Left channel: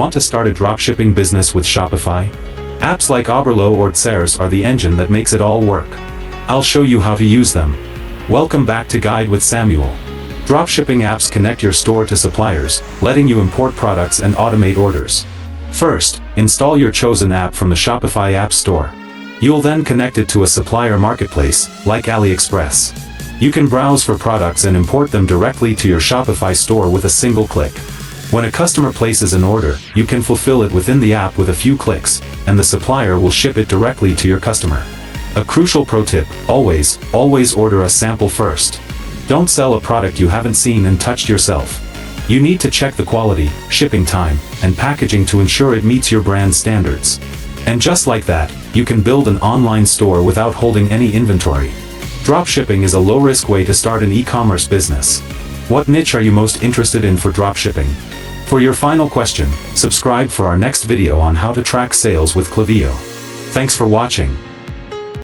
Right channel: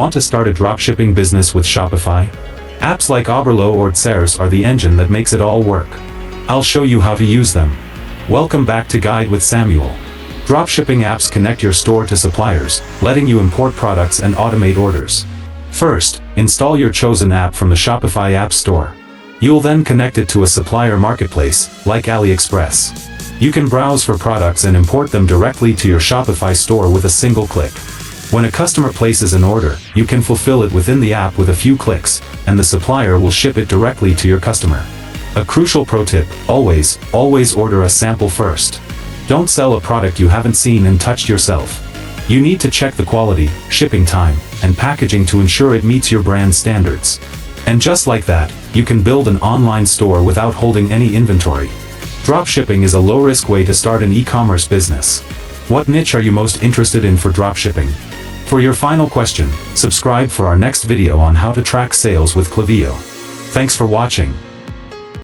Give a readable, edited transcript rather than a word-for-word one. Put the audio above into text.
Want to start a dropshipping business with Shopify? Apps like Oberlo or Tsers are the engine that makes it all work. I'll show you how to use them. Welcome back to Guide with Samuel. Dropshipping apps connect your store to suppliers, letting you import products and automate orders. First, install your chosen app from the Shopify App Store. You'll then connect it to a supplier marketplace, like AliExpress. You can browse for products and import them directly to your Shopify store with a single click. When a customer places an order, you can fulfill it within the app with a few clicks, and the supplier will ship it directly to your customer. A crucial pro tip: always order a sample first. Don't sell a product you haven't seen and touched yourself. You need to check the quality, shipping time, and packaging to ensure it meets your brand standards. And just like that, you can build an online store without holding any inventory. Dropshipping is a low-risk way to start an e-commerce business. What niche are you most interested in for dropshipping? For your final question, subscribe for our next video on how to track sales with Klaviyo. Thanks for watching.